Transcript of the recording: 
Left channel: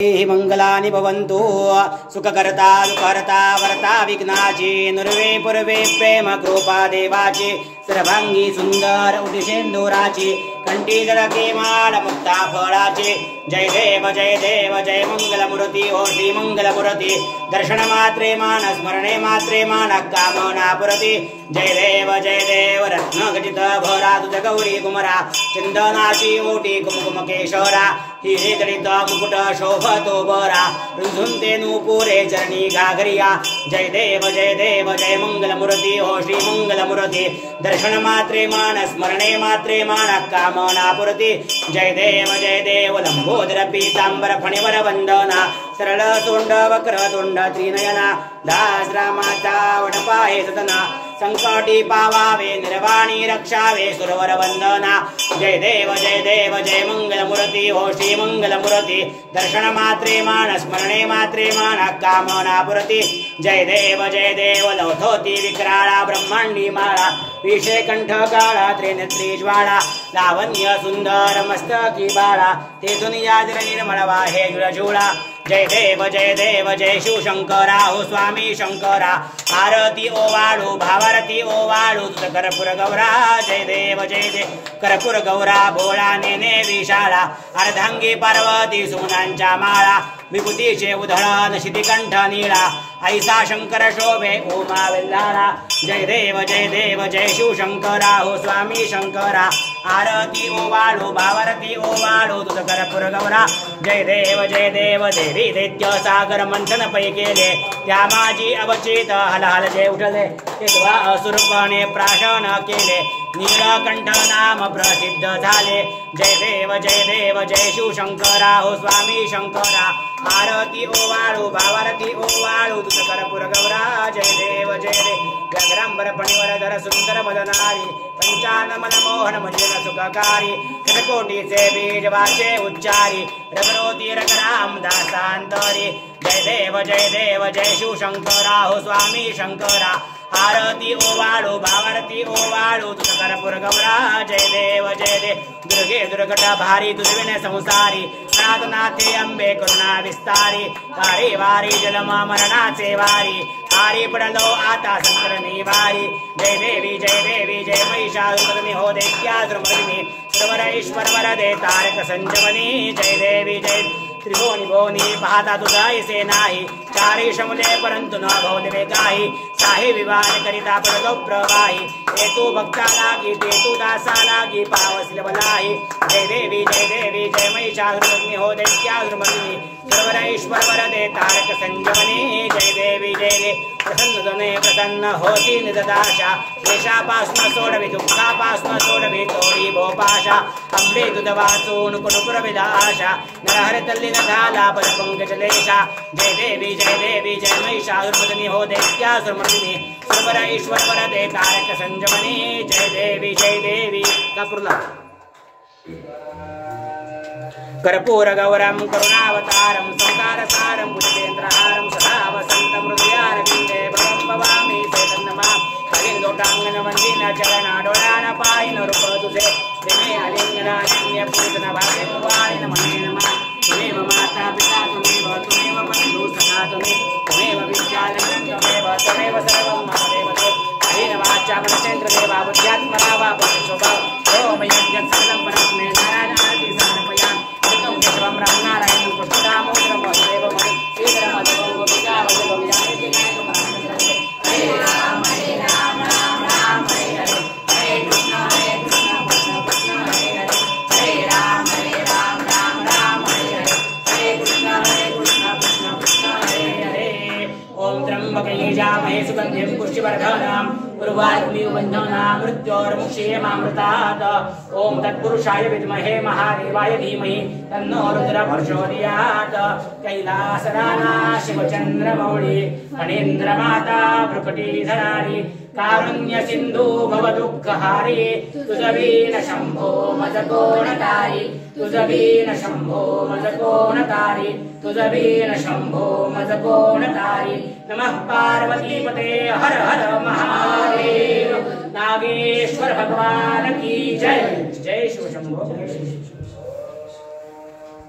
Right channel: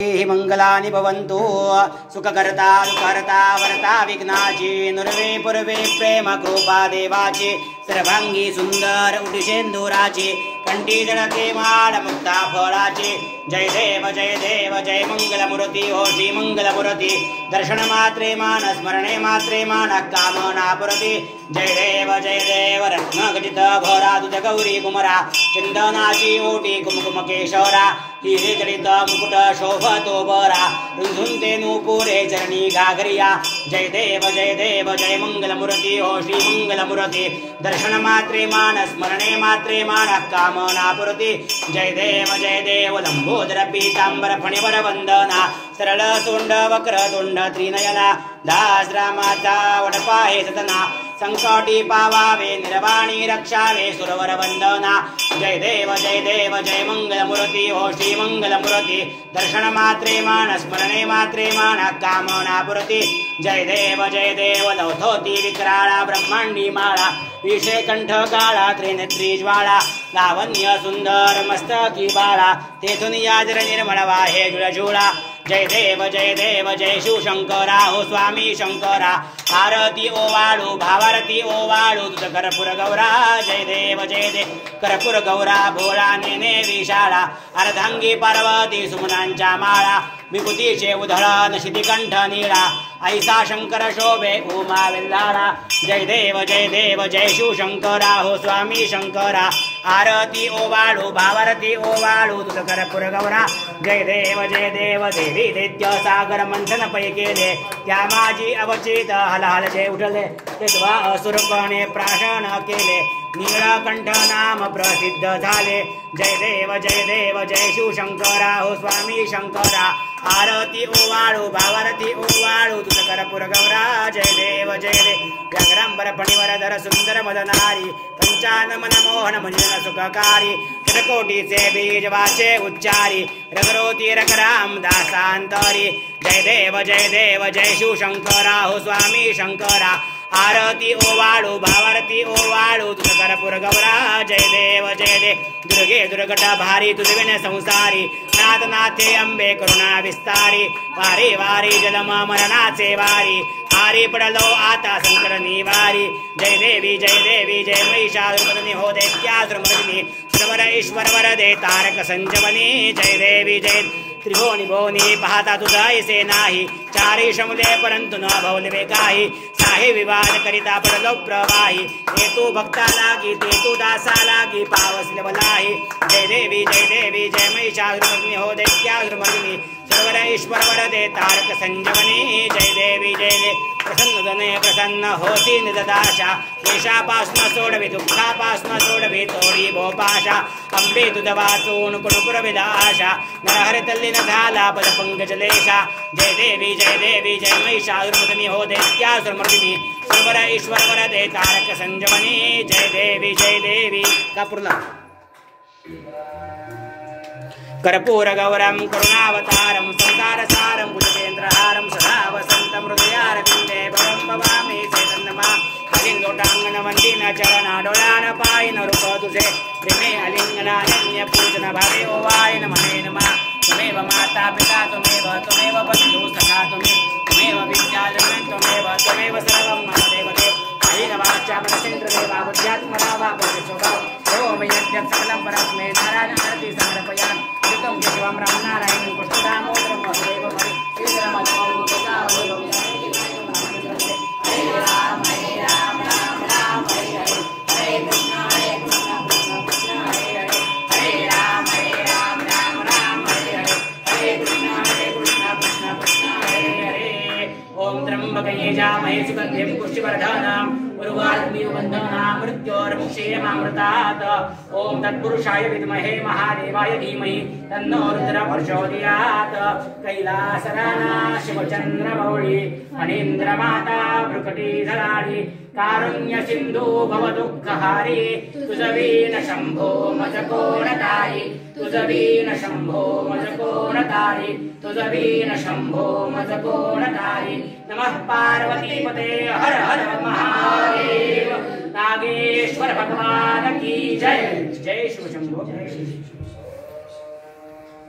मंगलानि भवन्तु सुखकर्ता दुःखहर्ता वर्ता विघ्नाची नुर्वे पूर्वे प्रेम कृपा देवाची सर्वांगी सुंदर उटिशेंदुराची कंठी जळके माळ मुक्ता फळाची जय देव जय मंगलमूर्ती हो श्री मंगलमूर्ती दर्शन मात्रे मान स्मरणे मात्रे मान कामना पुरती जय देव रत्न खचित भरा तुझ गौरी कुमरा चंदनाची ओटी कुमकुम केशरा हिरे जडित मुकुट शोभतो बरा रुंझुंते नूपुरे चरणी घागरिया जय देव जय मंगलमूर्ती हो श्री मंगलमूर्ती दर्शन मात्रे मान स्मरणे मात्रे मान कामना पुरती जय देव लंबोदर पीतांबर फणिवर वंदना सरळ सोंड वक्र तोंड त्रिनयना दास रामाचा वडपाहे सतना संकटी पावावे निर्वाणी रक्षावे सुरवर वंदना जय देव जय मंगलमूर्ती हो श्री मंगलमूर्ती दर्शन मात्रे मान स्मरणे मात्रे मान कामना पुरती जय देव लौथोती विक्राळा ब्रह्मांडी माळा विषय कंठ काळा त्रिनेत्री ज्वाळा लावण्य सुंदर मस्तकी बाळा तेथून याजर निर्मळ वाहे जुळजुळा जय देव जय शिवशंकरा हो स्वामी शंकरा आरती ओवाळू भावारती ओवाळू तुझ कर्पूर गौरा जय देव कर्पूर गौरा भोळा नेने विशाळा अर्धांगी पार्वती सुमनांच्या माळा विभूतीचे उधळण शितिकंठ नीळा ऐसा शंकर शोभे उमा वेल्हाळा जय देव जय शिवशंकरा हो स्वामी शंकरा आरती ओवाळू भावारती ओवाळू तुझ कर्पूर गौरा जय देव देवी दैत्य सागर मंथन पै केले त्या माझी अवचित हलहल जे उठले तेव्हा असुरपणे प्राशन केले नीळकंठ नाम प्रसिद्ध झाले जय देव जय शिवशंकरा हो स्वामी शंकरा आरती ओवाळू भावारती ओवाळू तुझ कर्पूर गौरा जय देव व्याघ्रांबर फणिवर धर सुंदर मदनारी पंचानन मोहन मंजन सुखकारी शतकोटीचे बीज वाचे उच्चारी रगरोती रगराम दासांतरी जय देव जय शिवशंकरा हो स्वामी शंकरा आरती ओवाळू भावारती ओवाळू तुझ कर्पूर गौरा जय देव दुर्गे दुर्गट भारी तुझविन संसारी अनाथनाथे अंबे करुणा विस्तारी वारी वारी जलम मरणाचे वारी आरी पडलो आता संकर निवारी जय देवी जय महिषासुरमर्दिनी हो दैत्यासुरमर्दिनी सर्वर ईश्वर वरदे तारक संजवनी जय देवी जय त्रिभुवनी भुवनी पाहता तुझा ऐसे नाही चारी शमुले परंतु न भवले काही साहे विवाद करिता पडलो प्रवाही हे तू भक्ता लागी ते तू दासा लागी पावसले बलाही जय देवी जय महिषासुरमर्दिनी हो दैत्यासुरमर्दिनी सर्वर ईश्वर वरदे तारक संजवनी जय देवी प्रसन्न जने प्रसन्न होती निजदाशा देशापासून सोडवी दुःखापासून सोडवी तोडी भोपाशा अंबे तुझ वाचून कुणपुरविद आशा नरहरि तल्लीन झाला पद पंकजलेशा जय देवी जय महिषासुरमर्दिनी हो दैत्यासुरमर्दिनी सर्वर ईश्वर वरदे तारक संजमनी जय देवी कापूरला कर्पूर गौरम करुणावतारम संसारसारम भुजगेंद्रहारम सदा वसंतम हृदयारविंदे भवं भवामि चैतन्यमा अलिंगोटांगन वंदिन चरण डोळ्यान पायन रूप तुझे प्रेमे अलिंगनान्य पूजन भावे ओवाय नमः त्वमेव माता पिता त्वमेव बंधु सखा त्वमेव विद्यालयं त्वमेव सर्वं मम देवदेव अहिन वाचा प्रणचेन्द्र देवा बुद्ध्यात्मरावा पुरुषोभा ओम यज्ञं सकलं परस्मै नारायण आरती समर्पयामि शिवम राम नारायण कृष्ण दामोदर वासुदेव मणि श्रीधर माधव गोपिका वल्लभ हरे राम राम राम हरे कृष्ण कृष्ण कृष्ण हरे हरे राम राम हरे कृष्ण कृष्ण हरे हरे ओम त्र्यंबके यजामहे सुगंधिं पुष्टिवर्धनम् उर्वारुकमिवबन्धनात् मृत्योर्मुक्षीयमामृतात् ओम तत्पुरुषाय विद्महे महादेवाय धीमहि तन्नो रुद्रः प्रचोदयात् कैलासराना शिवचन्द्रमौळि फणीन्द्रमाता भ्रुकुटीधराणि कारुण्य सिंधु भवदुःखहारी तुझवीन शंभो मजकोणतारी तुझवीन शंभो मजकोणतारी तुझवीन शंभो मजकोणतारी नमः पार्वतीपते हर हर महादेव नागेश्वर भगवान की जय जय शिव शंभो जय शिव